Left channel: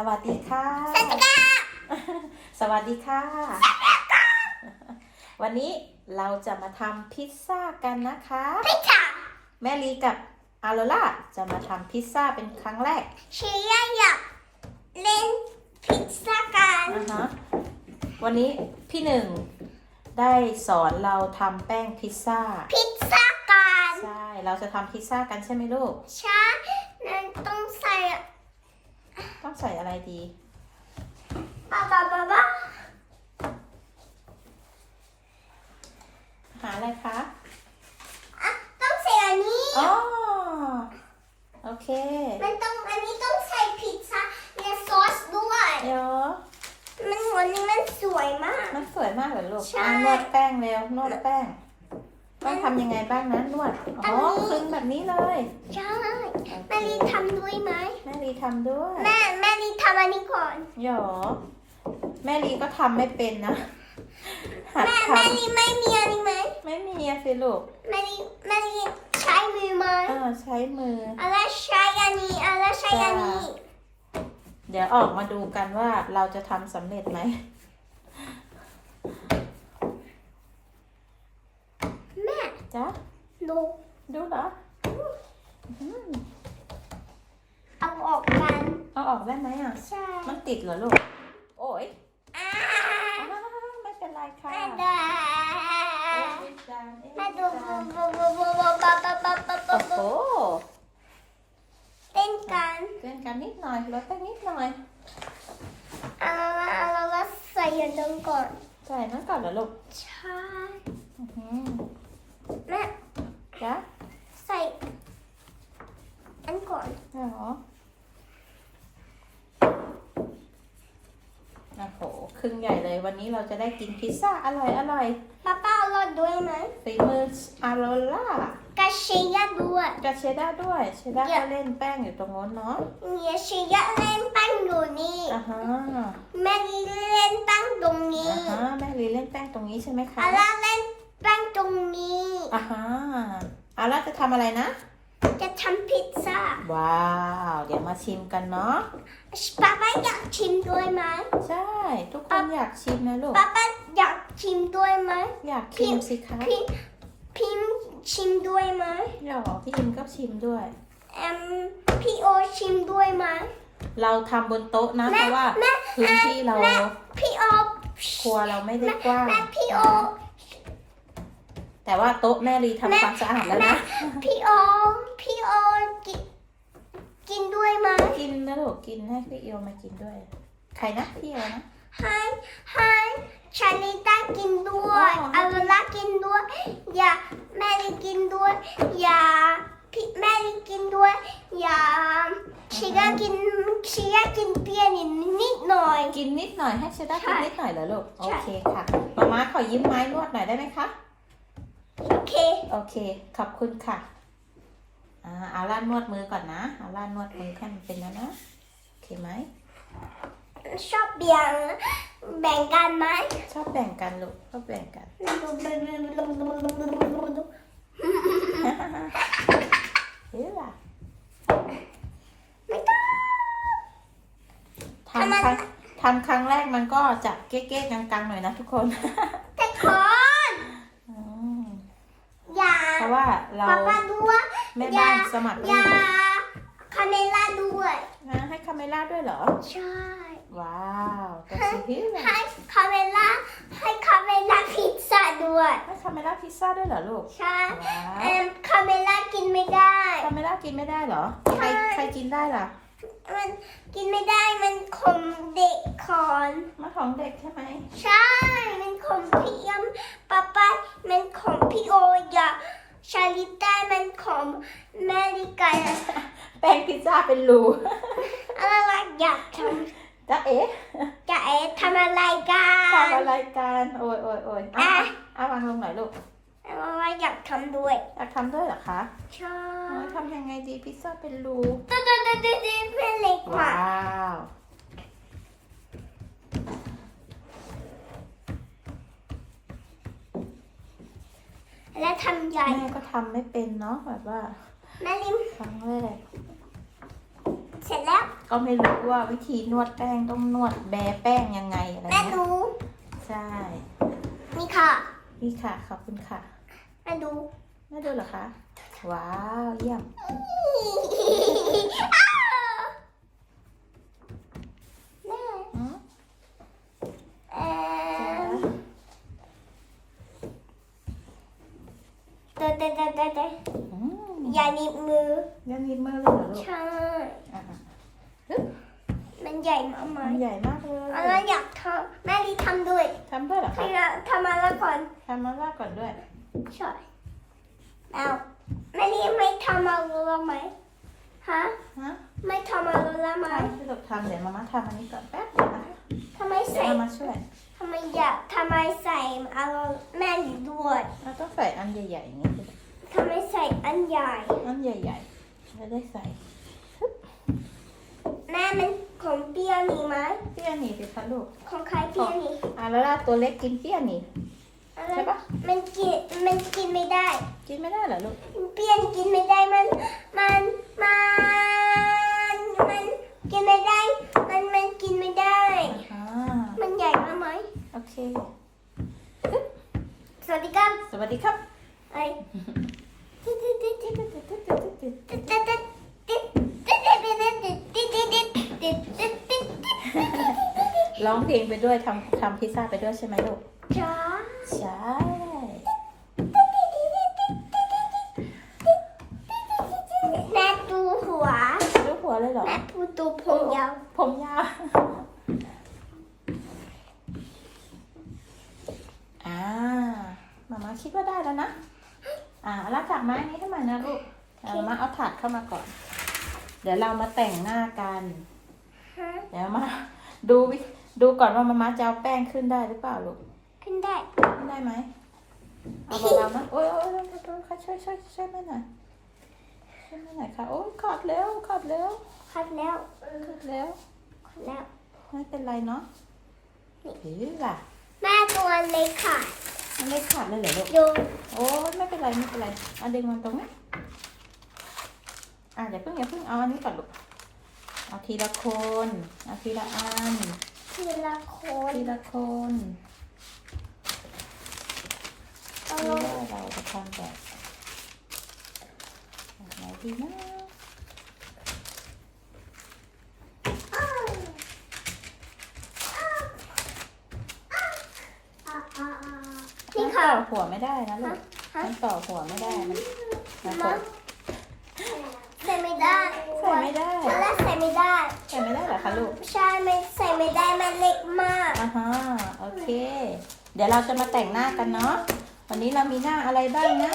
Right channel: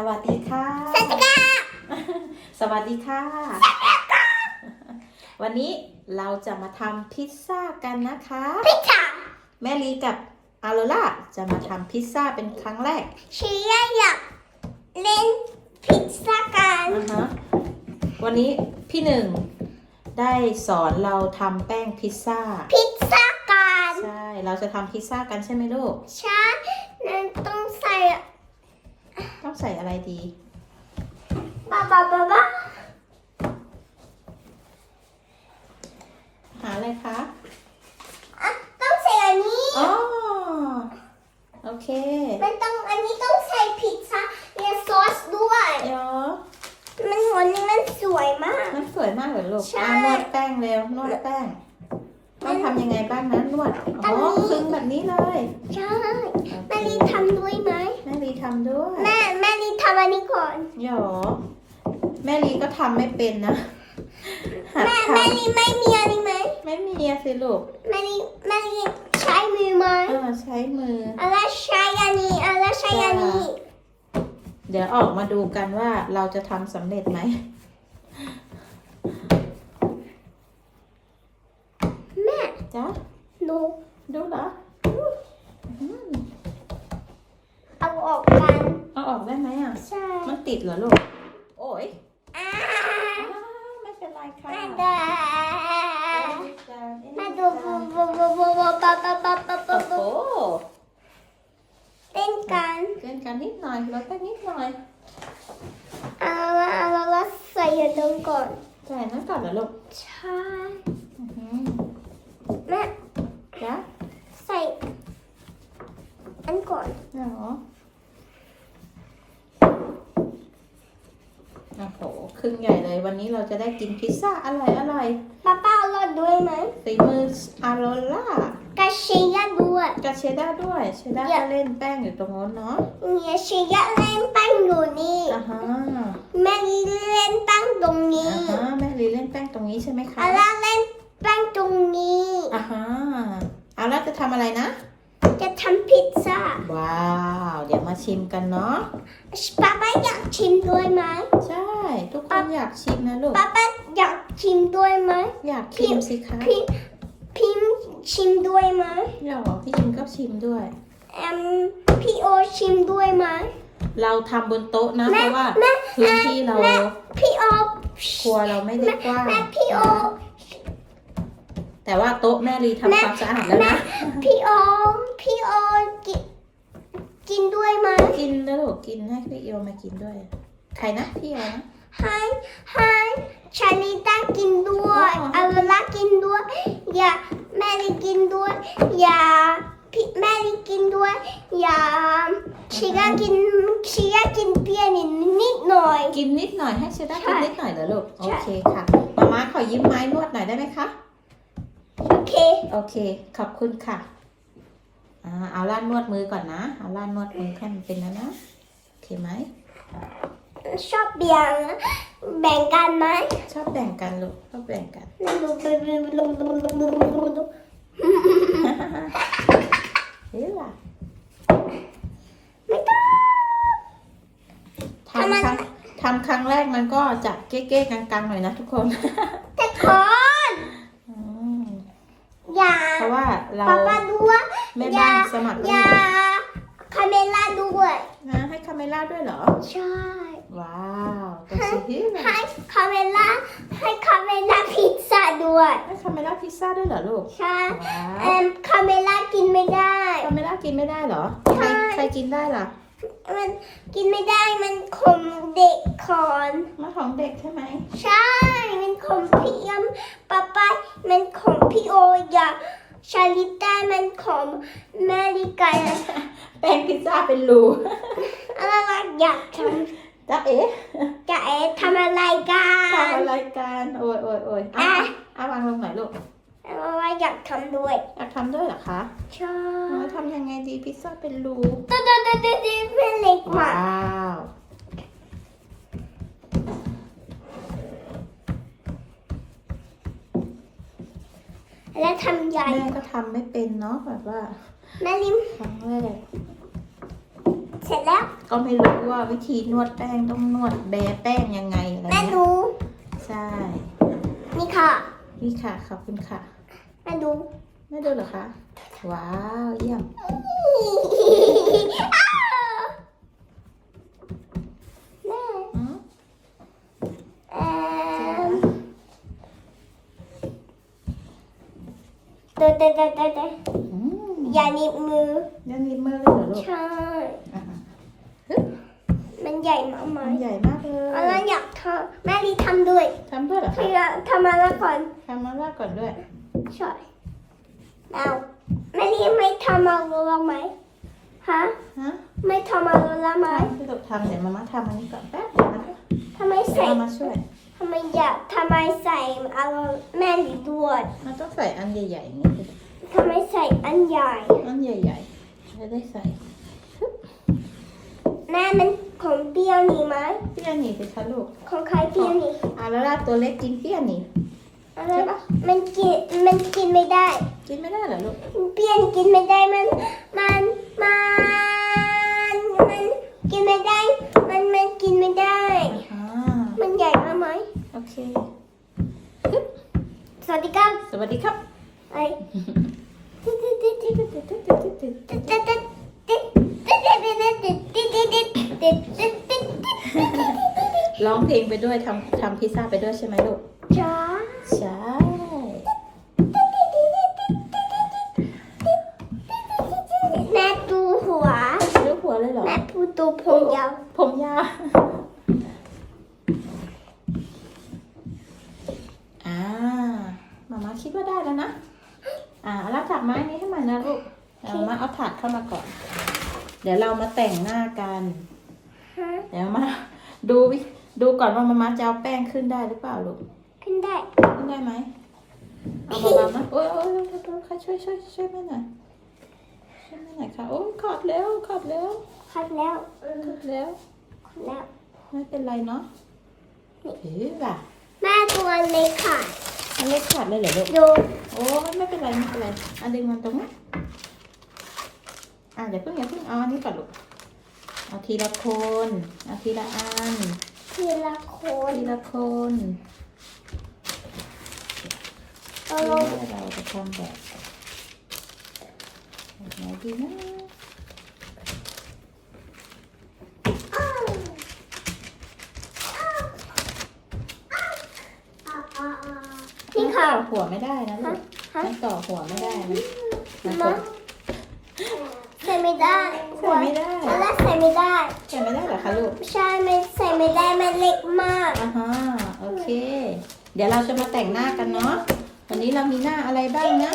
สวัสดีค่ะ สวัสดีค่ะ สวัสดีค่ะ วันนี้เราจะมาทำพิซซ่ากันนะคะ พิซซ่า แม่ลีกับอาโรล่าจะมาทำพิซซ่าเป็นครั้งแรกเชียร์อยากเล่นพิซซ่ากันนะฮะวันนี้พี่หนึ่งได้สอนเราทำแป้งพิซซ่า พิซซ่ากัน ใช่ เราจะทำพิซซ่ากันใช่ไหมลูก ใช่ นั้นต้อง ใส่ต้องใส่อะไรดีบาบาบาบาหาอะไรคะอะต้องใส่อันนี้อ๋อโอเค มันต้องอันนี้ต้องใส่พิซซ่าและซอสด้วยเดี๋ยวมันวันนี้มันสวยมาก มันสวยมากเลยลูกใช่ อ่านวดแป้งเร็วนวดแป้ง ต้องทำยังไงบ้างนะนวด อ๋ออันนี้คลึงแบบนี้เลย ใช่โอเค แม่ลีทำด้วยไหมแม่ลีทำด้วย แม่แม่ ลีทำอันนี้ก่อนหยอแม่ลีก็ทำไม่เป็นนะหัดแม่ทแม่ลีไม่มีอันนี้ไหมำไม่มีอะสิลูกแม่ลีแม่ลีใช้มือไหมเออใช้มือ อะไรใช้อันนี้อะไรใช้อันนี้เดี๋ยวออกมาดูกันว่าเราจะทำสำเร็จไหม แม่จ๊ะดูดูเหรอ อืมเอาออกกัน เอาออกได้ไหมอะ ใช่มันติดเหรอลูก โอ้ยอ่าอ้าวไม่เป็นไรค่ะแม่ได้แม่ดูบูบูบูบูบูบาบาบาบาบาโอ้บาโหเต้นกันเกินกันนิดหน่อยลดกันนิดหน่อยเอาละเอาละละใส่ยาดมก่อนใส่นั่นก่อนเหรอลูก ใช่อื้อหือแม่จ๊ะใส่อันก่อนเหรอ โอ้โหครึ่งใหญ่เลยวันนี้เราจะได้กินพิซซ่าอร่อยอร่อยป้าป้าเอารอดด้วยไหมฝีมืออาโรล่ากระเชียร์ด้วยกับเชด้าด้วยเชด้าเดี๋ยวก็เล่นแป้งอยู่ตรงโน้นเนาะเนี่ยเชียร์เล่นแป้งอยู่นี่อ่าฮะแม่เล่นแป้งตรงนี้อ่าฮะแม่ลีเล่นแป้งตรงนี้ใช่ไหมคะอาล่าเล่นแป้งตรงนี้อ่าฮะอาร่าจะทำอะไรนะ จะทำพิซซ่า ว้าว เดี๋ยวมาชิมกันเนาะป้าป้าอยากชิมด้วยไหมใช่ ทุกคนอยากชิมนะลูกป้าป้าอยากชิมด้วยไหมอยากชิมสิคะพี่พิมชิมด้วยไหมหรอพี่อิมก็ชิมด้วยเอ็มพี่โอชิมด้วยไหมเราทำบนโต๊ะนะแม่เพราะว่าแม่พื้นที่เราแม่พี่โอครัวเราไม่ได้กว้างแม่พี่โอ แต่ว่าโต๊ะแม่ลีทำความสะอาดแล้วนะ พี่โอพี่โอกินกินด้วยไหมกินแล้วลูกกินให้พี่เอวมากินด้วย ใครนะพี่เอวนะ ให้ให้ชาลิต้ากินด้วยอ๋ออาลากินด้วย อย่าแม่ลิกินด้วย อย่าพี่แม่ลิกินด้วย อย่าชิกากินชิกากินเพียนิดนิดหน่อย กินนิดหน่อยให้เชด้าใช่กินนิดหน่อยเหรอลูก โอใช่เคค่ะมาม่าขอยิ้มไม้นวดหน่อยได้ไหมคะโอ เค โอเค ขอบคุณค่ะ อ่า เอาล่านนวดมือก่อนนะ เอาล่านนวดมือให้มันเป็นแล้วนะ โอเคไหม ชอบเบียงแบ่งกันไหมชอบแบ่งกันลูก ชอบแบ่งกัน เฮ้ยล่ะไม่ต้อง ทำครั้งทำครั้งแรกมันก็จะเก๊ๆกังๆหน่อยนะทุกคน แต่คนอืม อย่าเพราะว่าเราป้าป้าด้วยแม่บ้านสมัครอไว้ย่าอยู่คาเมล่าด้วยนะให้คาเมล่าด้วยเหรอ ใช่ว้าวแต่สิเฮ้ยให้คาเมล่าให้คาเมล่าพิซซ่าด้วย ให้คาเมล่าพิซซ่าด้วยเหรอลูก ใช่ว้าว เอ็มคาเมล่ากินไม่ได้ คาเมล่ากินไม่ได้เหรอ ใครใช่ ใครกินได้ล่ะมันกินไม่ได้มันขมเด็กคอนมาของเด็กใช่ไหม ใช่ มันขมพี่ยมป้าป้ามันขมพี่โออย่าชาลิต้ามันขมแมริกาแป้งพิซซ่าเป็นรูอะไรอยากทจ๊ะเอ๊ะำจะเอ๊ะทำอะไรกัทำนอะไรกันโอ้ยโอ้ยโอ้ยอะอะเอาวางลงหน่อยลูกอะไรอยากทำด้วย อยากทำด้วยเหรอคะ ใช่อ๋อทำยังไงดีพิซซ่าเป็นรูตัวตัวตัวตัวเป็นเล็กมาว้ากว แล้วทำใหญ่แม่ก็ทำไม่เป็นเนาะแบบว่าแม่ลิมครั้งแรกเสร็จแล้วก็ไม่รู้ว่าวิธีนวดแป้งต้องนวดแบแป้งยังไงอะไรแม่เงี้ยดูใช่นี่ค่ะนี่ค่ะขอบคุณค่ะแม่ดูแม่ดูเหรอคะว้าวเยี่ยมแม่ อืม เอ่อ เตะเตะเตะเตะเตะอืมอย่าหนีบมือ ยันนิดมือเลยเหรอลูกใช่ อะมันใหญ่มากไหมมันใหญ่มากเลอะไรยอยากทำแม่ลีทำด้วยทำด้วยเหรอพี่คะทำมาแล้วก่อนทำมาล่าก่อนด้วย ใช่แล้วแม่ลีไม่ทำมาแล้วไหมฮะฮะไม่ทำมาแล้วไหมทำพี่ลูกทำเดี๋ยวมาม่าทำอันนี้ก่อนแป๊บเดียวนะคะทำไมเดี๋ยวใส่ มามาช่วย ทำไมอยากทำไมใส่เอาแม่ลีด้วย เราต้องใส่อันใหญ่ๆอย่างนี้สิทำไมใส่อันใหญ่ อันใหญ่ๆจะได้ใส่แม่มันของเปรี้ยวนี่ไหมเปี้ยหนีสิคะลูกของใครเปรี้ยวนี่อะแล้วล่ะตัวเล็กกินเปี้ยหนีอะไรใช่ปะ มันกินมันกินไม่ได้ กินไม่ได้เหรอลูกเปรี้ยวกินไม่ได้มันมันมันมันกินไม่ได้ มันมันกินไม่ได้อ่า มันใหญ่มากไหมโอเค สวัสดีครับสวัสดีครับไอ้ร้องเพลงไปด้วยทำทำพิซซ่าไปด้วยใช่ไหมลูกจ้าใช่แม่ดูหัวลูกหัวเลยเหรอแม่พูดตัวผมยาวผมยาวอ่ามามาคิดว่าได้แล้วนะ อ่าแล้วจับไม้นี้ให้มันนะลูกเอามา เอาถาดเข้ามาก่อน เดี๋ยวเรามาแต่งหน้ากันฮะเดี๋ยวมาดูวิดูก่อนว่ามามาจะเอาแป้งขึ้นได้หรือเปล่าลูก ขึ้นได้ ขึ้นได้ไหมเอาเบาๆนะโอ้ยโอ้ยโอ้ยโอ้ยค่ะช่วยช่วยช่วยแม่หน่อยช่วยแม่หน่อยค่ะ โอ้ยขอดแล้วขอดแล้วคัดแล้วขอดแล้วคัดแล้ว ไม่เป็นไรเนาะถือล่ะแม่ตัวเล็กค่ะมันเล็กขอดเลยเหรอลูกดูโอ้ยไม่เป็นไรไม่เป็นไรอันดึงมันตรงนี้ อะเดี๋ยวเพิ่งอย่าเพิ่งเอาอันนี้ก่อนลูก เอาทีละคนเอาทีละอัน ทีละคนทีละคนเอาเอลงอเราจะทำแบบแบบไหนดีนะนี่ค่ะ ต่อหัวไม่ได้นะลูกฮะ มันต่อหัวไม่ได้มันมันมาใส่ ไม่ได้ใส่ไม่ได้ตอนแรกใส่ไม่ได้ใส่ไม่ได้เหรอคะลูกใช่ไม่ใส่ไม่ได้มันเล็กมากอ่าฮะโอเค เดี๋ยวเราจะมาแต่งหน้ากันเนาะวันนี้เรามีหน้าอะไรบ้างนะ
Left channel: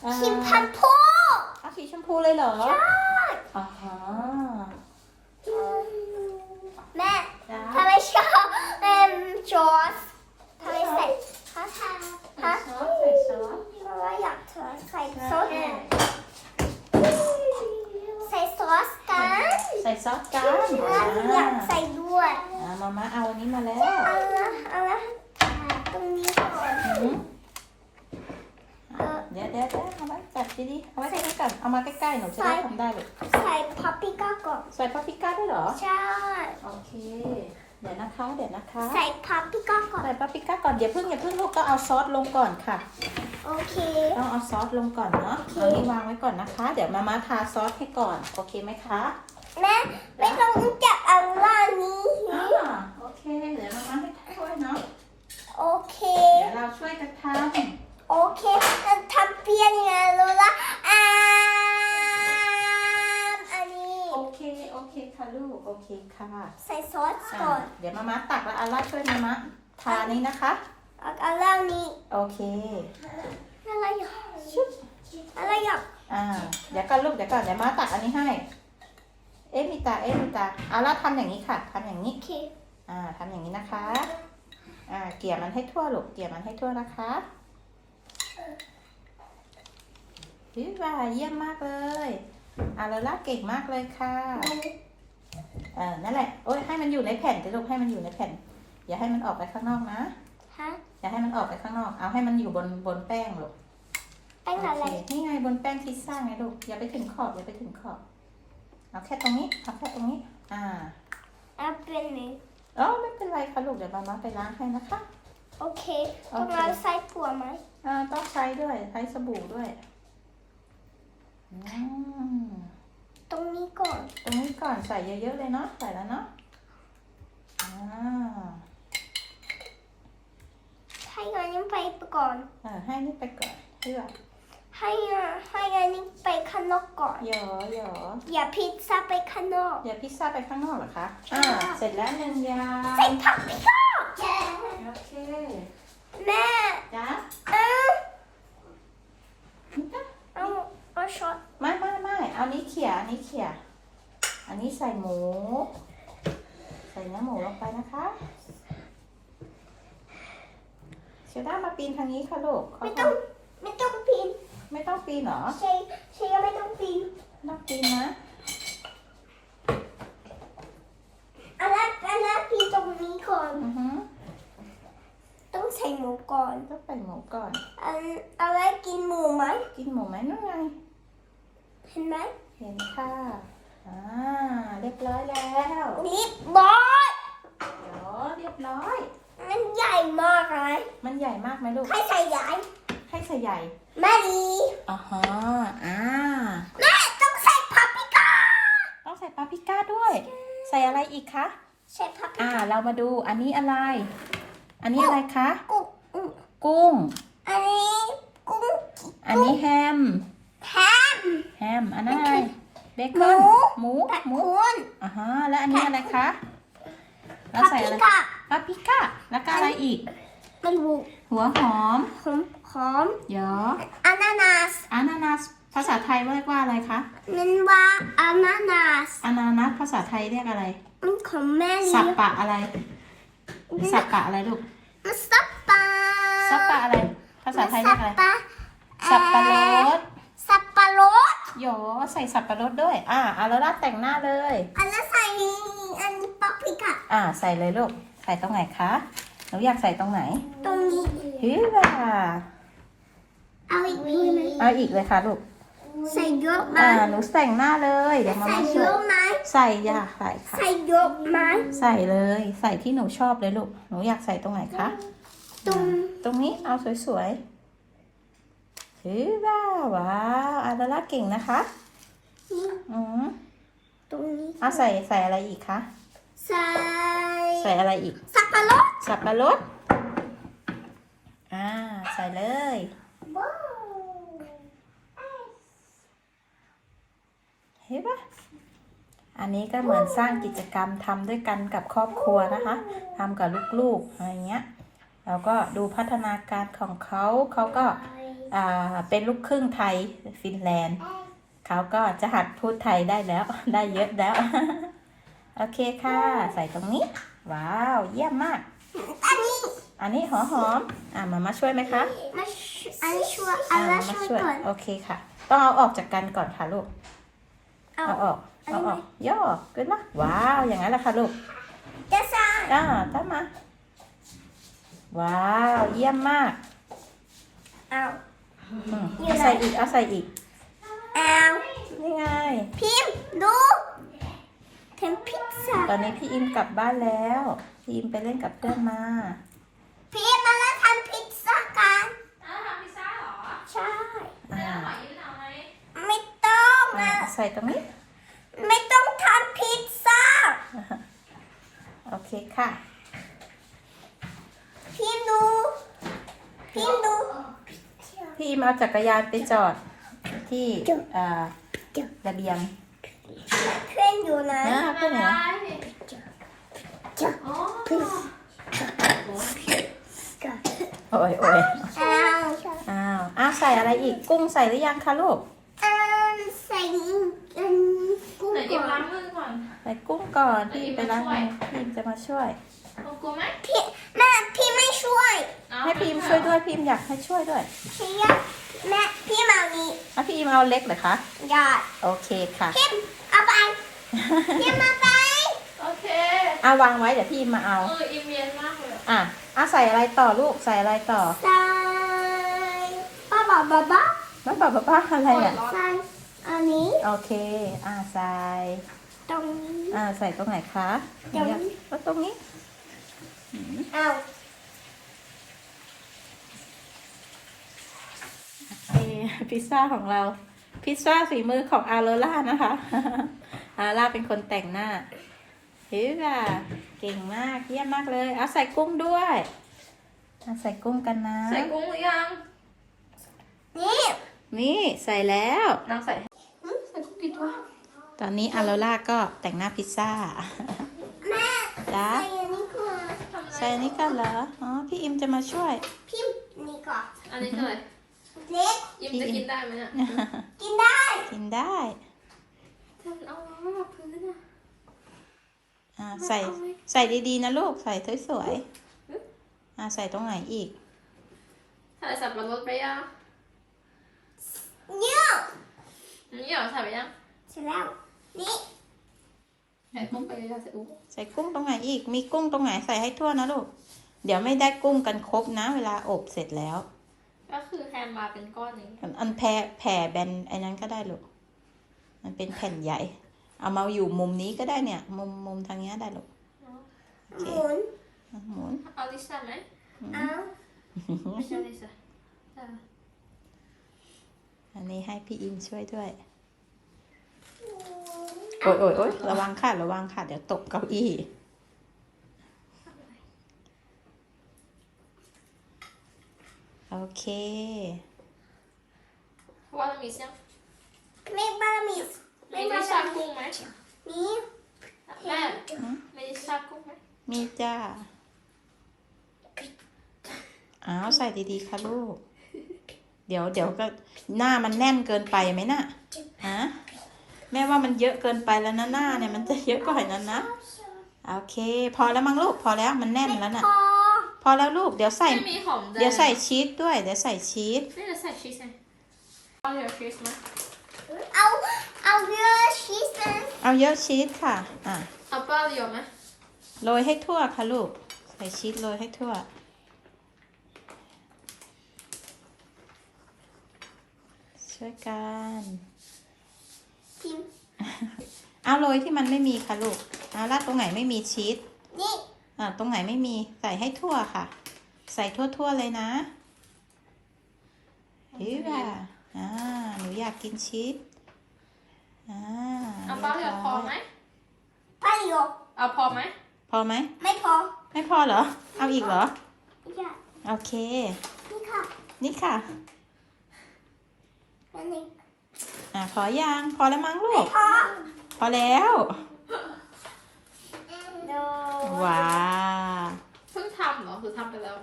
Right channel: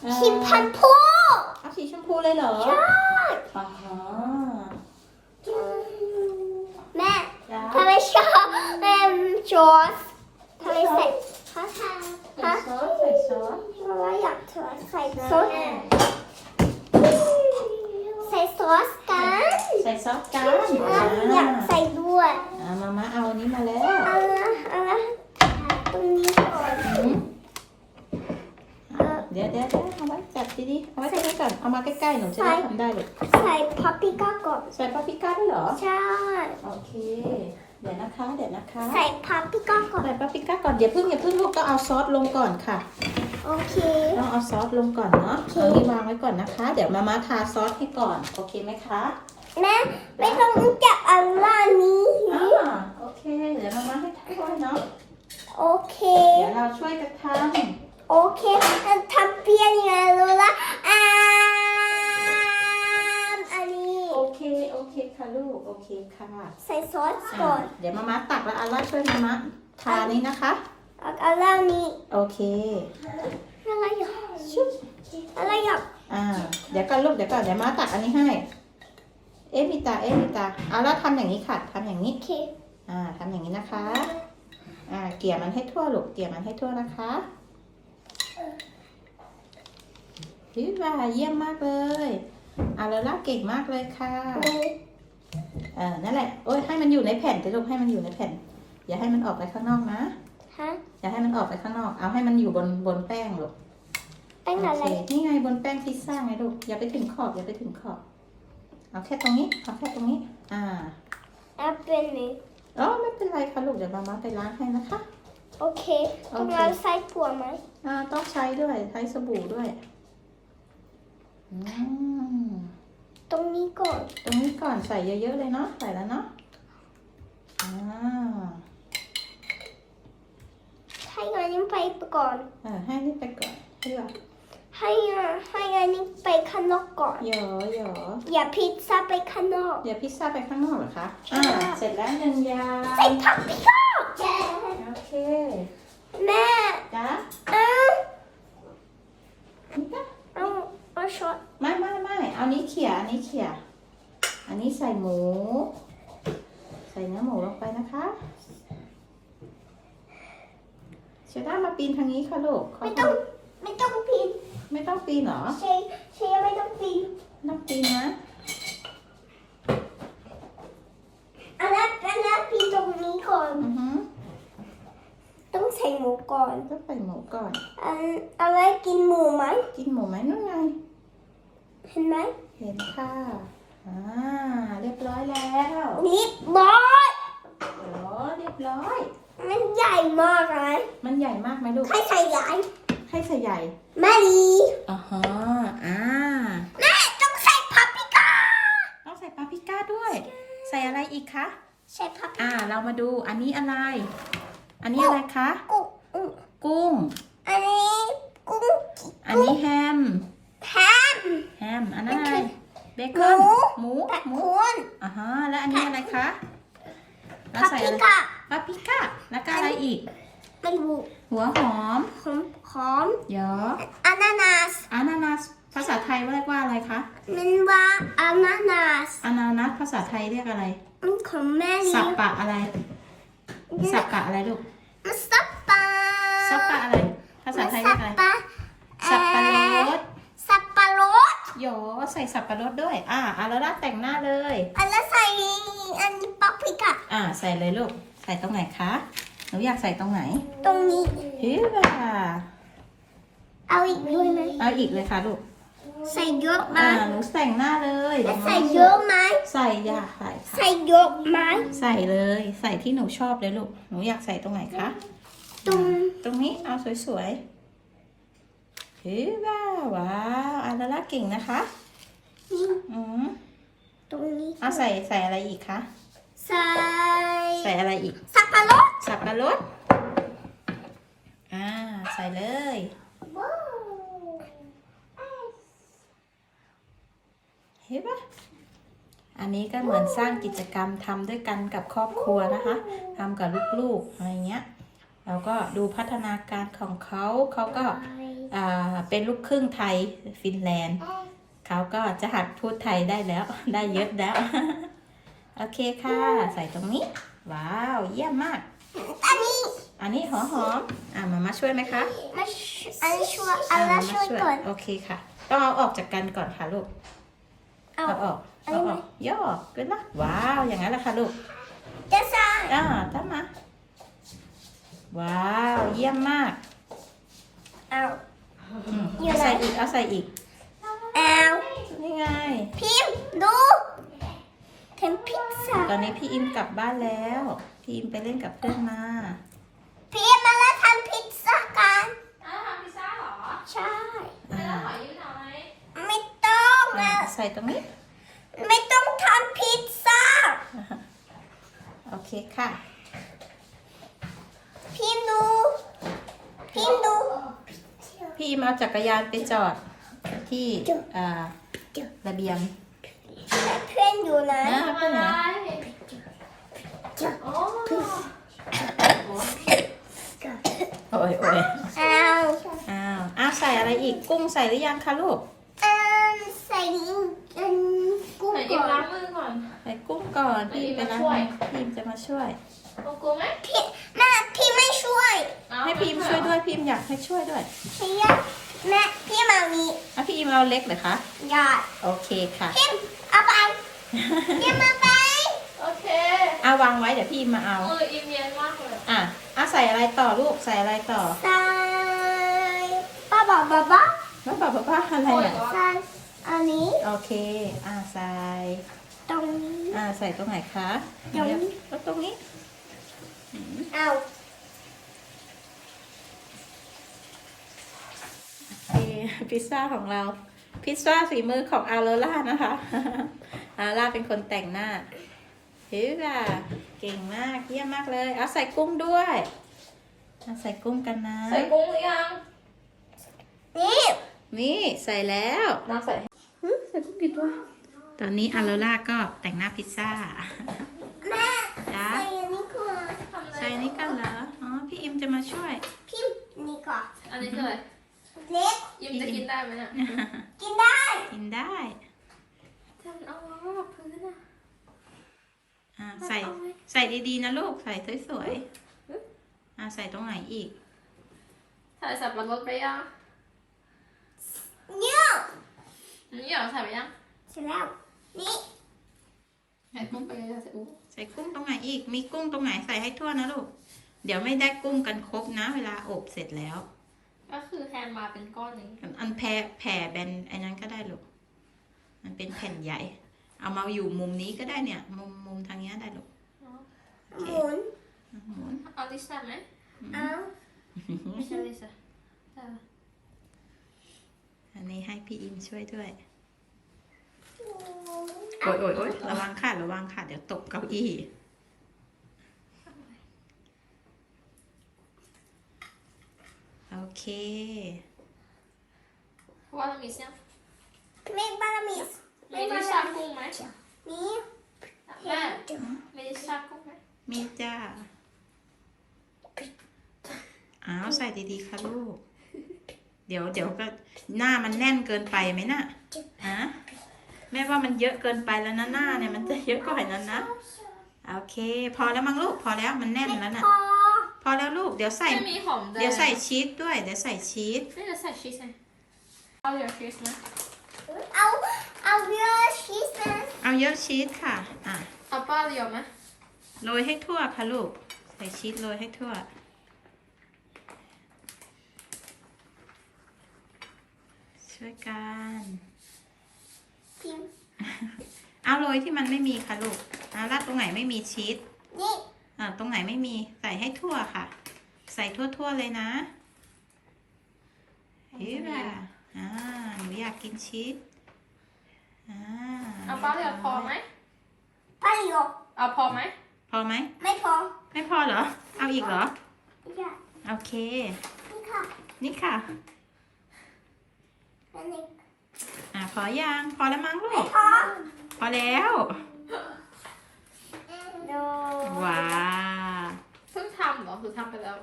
เอ่อชิมพันพูเอาสีชมพูเลยเหรอใช่อ่าฮะแม่จ้าทำไมชอบแม่จอสทำไมใส่ฮะฮะซอสใส่ซอสเพราะว่าอยากเธอใส่ซอส ใส่ซอสกันใส่ซอสกันอะอยากใส่ด้วยอ่ามามาเอาอันนี้มาแล้วเอาละเอาละตรงนี้ก่อนอืมอะเดี๋ยวเดี๋ยวเดี๋ยวเอาไว้จับดีๆเอาไว้ใกล้ๆก่อนเอามาใกล้ๆหนูจะได้ทำได้เลยใส่พาปริก้าก่อนใส่ปาปริก้าด้วยเหรอ ใช่ โอเค เดี๋ยวนะคะ เดี๋ยวนะคะใส่พาปริก้าก่อน ใส่ปาปริก้าก่อนอย่าเพิ่งอย่าเพิ่งลูกต้องเอาซอสลงก่อนค่ะ โอเค ต้องเอาซอสลงก่อนเนาะโอเค เอานี้วางไว้ก่อนนะคะ เดี๋ยวมาม่าทาซอสให้ก่อนโอเคไหมคะแม่ไม่ต้องจับอันล่างนี้ อ่าโอเค เดี๋ยวมาม่าให้ช่วยเนาะโอเค เดี๋ยวเราช่วยกันทโอเคทำเปียนยังไงรู้ละ เคค่ะลูก โอเคค่ะใส่ซอสอะก่อน เดี๋ยวมาม่าตักแล้วอาร่าช่วยมาม่าทานี้นะคะ เอาอันล่างนี้โอเคอะไรอยากชุบอะไรอยากอ่า เดี๋ยวก่อนลูก เดี๋ยวก่อนเดี๋ยวมาตักอันนี้ให้ เอ๊ะมีตา เอ๊ะมีตา เอาล่ะทำอย่างนี้ค่ะทำอย่างนี้ โอเค อ่าทำอย่างนี้นะคะ อ่า เกลี่ยมันให้ทั่วลูก เกลี่ยมันให้ทั่วนะคะฮิว่าเยี่ยมมากเลย อาลาล่าเก่งมากเลยค่ะดูเออนั่นแหละโอ้ยให้มันอยู่ในแผ่นสิลูกให้มันอยู่ในแผ่น อย่าให้มันออกไปข้างนอกนะฮะอย่าให้มันออกไปข้างนอก เอาให้มันอยู่บนบนแป้งลูกแป้งอะไรโเคนี่ไงบนแป้งพิซซ่าไงลูก อย่าไปถึงขอบอย่าไปถึงขอบ เอาแค่ตรงนี้ เอาแค่ตรงนี้ อ่า Apple นี่อ๋อไม่เป็นไรค่ะลูก เดี๋ยวมามาไปล้างให้นะคะ โอเค ต้องเอาใส่ผัวไหมอ่า ต้องใช้ด้วย ใช้สบู่ด้วย อืม ตรงนี้ก่อน ตรงนี้ก่อนใส่เยอะๆเลยเนาะ ใส่แล้วเนาะอ่าให้งานนี้ไปก่อนเออให้นี่ไปก่อนเพื่อให้อะให้งานนี้ไปข้างนอกก่อนหยอหยออย่าพิซซ่าไปข้างนอกเดี๋ยวพิซซ่าไปข้างนอกเหรอคะใช่อ่าเสร็จแล้วหนึ่งอย่างใส่ผักพิซซ่าโอเค แม่จ้า เอา นี่ปะ เอาเอาช็อต ไม่ไม่ไม่ เอานี้เขี่ยอันนี้เขี่ย อันนี้ใส่หมู ใส่เนื้อหมูลงไปนะคะเชด้ามาปีนทางนี้ค่ะลูกไม่ต้องไม่ต้องปีนไม่ต้องปีนเหรอเชยเชยไม่ต้องปีนต้องปีนนะอันนั้นอันนั้นปีนตรงนี้ก่อนอือฮึต้องใส่หมูก่อนต้องใส่หมูก่อนอันอะไรกินหมูไหมกินหมูไหมนู่นไง เห็นไหมเห็นค่ะ อ่า เรียบร้อยแล้วนิดบอยโอ้เรียบร้อย มันใหญ่มากเลยมันใหญ่มากไหมลูก ใครใส่ใหญ่ให้ใส่ใหญ่แม่ดีอ่าฮะอ่า แม่ต้องใส่พาปริก้าต้องใส่ปาปริก้าด้วย ใส่อะไรอีกคะ ใส่พาปริอ่า ก้าเรามาดู อันนี้อะไร อันนี้อะไรคะ กุ้งอืมกุ้ง อันนี้กุ้ง Ah, อันนี้แฮม แฮมแฮม อันนั้นอะไร เบหคมูอน หมูแปะหมูคุณอ่าฮะ และอันนี้อะไรคะแล้วพาใส่ปริอะไรก้าปาปริก้า แล้วก็อะไรอีก มันบุหัวหอม หอมหอมเยอะอานานาสอานานัสภาษาไทยเรียกว่าอะไรคะ มันว่าอานานาสอานานัสภาษาไทยเรียกอะไร มันของแม่สัเลี้บยงปะอะไร สับปะอะไรลูกมันสับปะสับปะอะไร ภาษาไทยเรียกอะไรสับปะสับปะรดสับปะรด โยใส่สับปะรดด้วย อ่าอาราล่าแต่งหน้าเลย อันแล้วใส่อันนี้ปาปริก้าอ่า ใส่เลยลูก ใส่ตรงไหนคะ หนูอยากใส่ตรงไหนตรงนี้ ฮิว่าเอาอีกทีไหมเอาอีกเลยค่ะลูก ใส่เยอะไหมอ่า หนูแต่งหน้าเลยเดี๋ยวมาใส่มาเยอะไหมใส่อยากใส่ค่ะ ใส่เยอะไหมใส่เลย ใส่ที่หนูชอบเลยลูก หนูอยากใส่ตรงไหนคะ ตรง ตรงนี้ เอาสวยๆเฮ้ยว้าวว้าวอาราล่าเก่งนะคะนี้อืมตรงนี้เอาใส่ใส่อะไรอีกคะ ใส่ ใส่อะไรอีก สับปะรด สับปะรด อ่า ใส่เลยว้าวเห็นปะอันนี้ก็เหมือนสร้างกิจกรรมทำด้วยกันกับครอบครัวนะคะทำกับลูกๆอะไรเงี้ย แล้วก็ดูพัฒนาการของเขาเขาก็อ่า เป็นลูกครึ่งไทยฟินแลนด์ เขาก็จะหัดพูดไทยได้แล้ว ได้เยอะแล้ว โอเคค่ะ ใส่ตรงนี้ ว้าว เยี่ยมมาก อันนี้ อันนี้หัวหอมอ่ามามาช่วยไหมคะมาอันนี้ช่วยอันอ่านี้มาช่วยก่อนโอเคค่ะ ต้องเอาออกจากกันก่อนค่ะลูก เอาเอาออกอันนี้เอาไหมออก ย่อขึ้นนะว้าว อย่างนั้นแหละค่ะลูกจะใส่อ่าตามมา ว้าว เยี่ยมมาก เอา อืมอยู่เอาไหน ใส่อีกเอาใส่อีกเอานี่ไง พิมพ์ดูทำพิซซ่าตอนนี้พี่อิมกลับบ้านแล้ว พี่อิมไปเล่นกับเพื่อนมา พิมพ์มาแล้วทำพิซซ่ากันอ้าวทำพิซซ่าเหรอใช่อ่าขอยืมหน่อยไม่ต้องอ่านะใส่ตรงนี้ไม่ต้องทำพิซซ่าโอเคค่ะ พิมพ์ดูพิมพ์ดู พี่อิมเอาจักรยานไปจอดที่อ่าระเบียงเพื่อนอยู่นะอ่าเพื่อนเหรอโอ้โอ้ยโอ้ยเอาอ้าวอ้าวใส่อะไรอีกกุ้งใส่หรือยังคะลูกเอิ่มใส่อันกุ้งไหนดิก่อนล้างมือก่อนใส่กุ้งก่อนพี่ไปล้างมือพี่อิมจะมาช่วยกลัวไหมพี่แม่พี่ไม่ ช่วยให้พี่อิมช่วยด้วยพี่อิมอยากให้ช่วยด้วยพี่อยากแม่พี่มามีอะพี่อิมเอาเล็กเหรอคะอยากโอเคค่ะพิมเอาไปพิมมาไปโอเคอะวางไว้เดี๋ยวพี่อิมมาเอาเอออิมเย็นมากเลยอะอะใส่อะไรต่อลูกใส่อะไรต่อใส่ป้าบอกบ้าบ้าแล้วบอกป้าอะไรอะใส่อันนี้โอเค อ่าใส่ตรงนี้อ่าใส่ตรงไหนคะตรงนี้ก็ตรงนี้เอา โอเค พิซซ่าของเรา พิซซ่าฝีมือของอาโรล่านะคะ อาร่าเป็นคนแต่งหน้าเฮ้ยค่ะเก่งมากเยี่ยมมากเลย เอาใส่กุ้งด้วยเอาใส่กุ้งกันนะ ใส่กุ้งหรือยังนี่นี่ใส่แล้วน้องใส่ให้หึใส่กุ้งกี่ตัวตอนนี้อาโรล่าก็แต่งหน้าพิซซ่าแม่จ้าใส่อันนี้ก่อนทำอะไรใส่นี่กันเหรออ๋อพี่อิมจะมาช่วยพิมพ์นี่ก่อนอันนี้คืออะไร เล็ก ยิ้มจะกินได้ไหมเนี่ยกินได้ กินได้แต่มันเอามาแบบพื้นน่ะ อ่าใส่ใส่ดีๆนะลูกใส่สวยๆอ่าใส่ตรงไหนอีก ถ่ายสับปะรดไปยังเนี่ยนี่เหรอใส่ไปยังเสร็จแล้ว นี่ใส่กุ้งไปเลยใส่อุ้งใส่กุ้งตรงไหนอีก มีกุ้งตรงไหนใส่ให้ทั่วนะลูก เดี๋ยวไม่ได้กุ้งกันครบนะ เวลาอบเสร็จแล้ว ก็คือแฮมมาเป็นก้อนนี้ อันแผ่แผ่แบนไอ้นั้นก็ได้ลูก มันเป็นแผ่นใหญ่ เอามาอยู่มุมนี้ก็ได้เนี่ย มุมมุมทางเนี้ยได้ลูกเนาะหมุนอะหมุนเอาลิซ่าไหมเอาไม่ใช่ลิซ่าแต่อันนี้ให้พี่อิมช่วยด้วย โอ๊ยโอ๊ยโอ๊ยระวังค่ะ ระวังค่ะ เดี๋ยวตกเก้าอี้ โอเคว่าเรามีเสียงไม่บารามิสมีลิซ่ากุ้งไหมนี่แม่มีลิซ่ากุ้งไหมมีจ้าอ้าวใส่ดีๆค่ะลูก เดี๋ยวเดี๋ยวก็หน้ามันแน่นเกินไปไหมน่ะฮะแม่ว่ามันเยอะเกินไปแล้วนะหน้าเนี่ยมันจะเยอะกว่านั้นนะ โอเค พอแล้วมั้งลูกพอแล้วมันแน่นแล้วน่ะ พอพอแล้วลูกเดี๋ยวใส่ ไม่มีหอมแดงเดี๋ยวใส่ชีสด้วย เดี๋ยวใส่ชีสไม่จะใส่ชีสไงเอาเดี๋ยวชีสไหมเอาเอาเยอะชีสนะเอาเยอะชีสค่ะ อะเอาป้าเดียวไหมโรยให้ทั่วค่ะลูก ใส่ชีสโรยให้ทั่ว ช่วยกันพิมพ์เอาโรยที่มันไม่มีค่ะลูกเอาราดตรงไหนไม่มีชีสนี่ อ่าตรงไหนไม่มีใส่ให้ทั่วค่ะ ใส่ทั่วๆเลยนะเฮ้ยว่ะอ่าหนูอยากกินชีสอ่าเอาป้าเดียวพอไหมไปโยเอาพอไหมพอไหมไม่พอ ไม่พอเหรอ เอาอีกเหรออย่าโอเค นี่ค่ะ นี่ค่ะอันนี้อ่าพอยังพอแล้วมั้งลูกพอพอแล้ว โดว้าวเพิ่งทำเหรอหรือทำไปแล้ว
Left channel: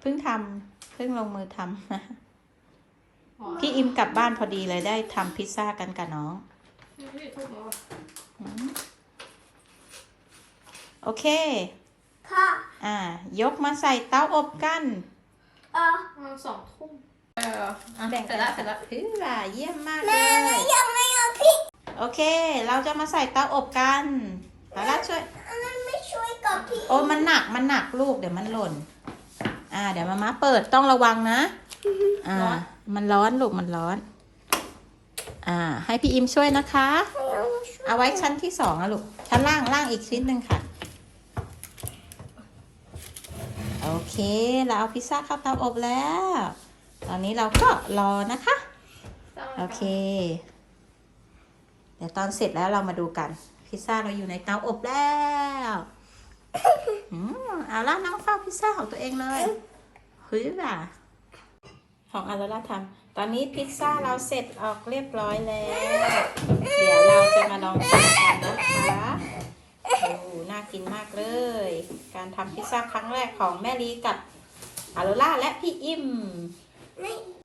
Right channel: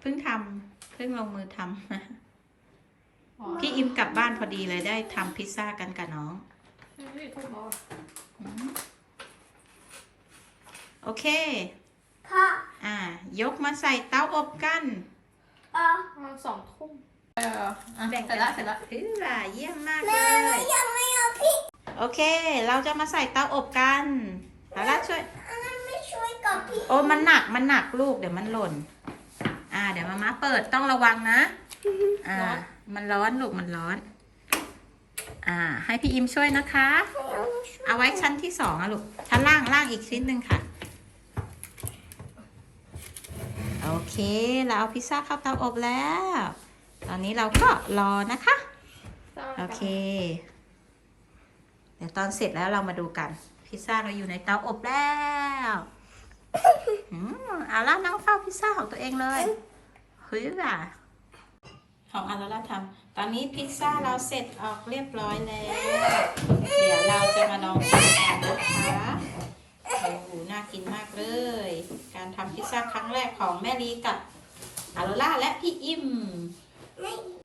เพิ่งทำเพิ่งลงมือทำอ๋อพี่อิมกลับบ้านพอดีเลยได้ทำพิซซ่ากันกับน้องไม่ได้ทุบหรออืมโอเคพออ่า ยกมาใส่เตาอบกันเออประมาณสองทุ่มเอออะแบ่งเสร็จแล้วเสร็จแล้วคือว่าเยี่ยมมากเลแม่แม่ยยังไม่เอาพริกโอเค เราจะมาใส่เตาอบกันเอาละช่วยอันนั้นไม่ ช่วยกับพริกโอ้มันหนักมันหนักลูกเดี๋ยวมันหล่น อ่า เดี๋ยวมามาเปิดต้องระวังนะ อ่า มันร้อนลูกมันร้อน อ่า ให้พี่อิมช่วยนะคะ เอาไว้ชั้นที่สองอะลูกชั้นล่างล่างอีกชิ้นหนึ่งค่ะ โอเค เราเอาพิซซ่าเข้าเตาอบแล้ว ตอนนี้เราก็รอนะคะ โอเค เดี๋ยวตอนเสร็จแล้วเรามาดูกัน พิซซ่าเราอยู่ในเตาอบแล้ว อืมอาล่ะน้องเฝ้าพิซซ่าของตัวเองเลยเฮ้ยล่ะ ของอาราล่าทำตอนนี้พิซซ่าเราเสร็จออกเรียบร้อยแล้ว เดี๋ยวเราจะมาลองกินกันนะคะโอ้น่ากินมากเลย การทำพิซซ่าครั้งแรกของแม่ลีกับอารล่าและพี่อิมไม่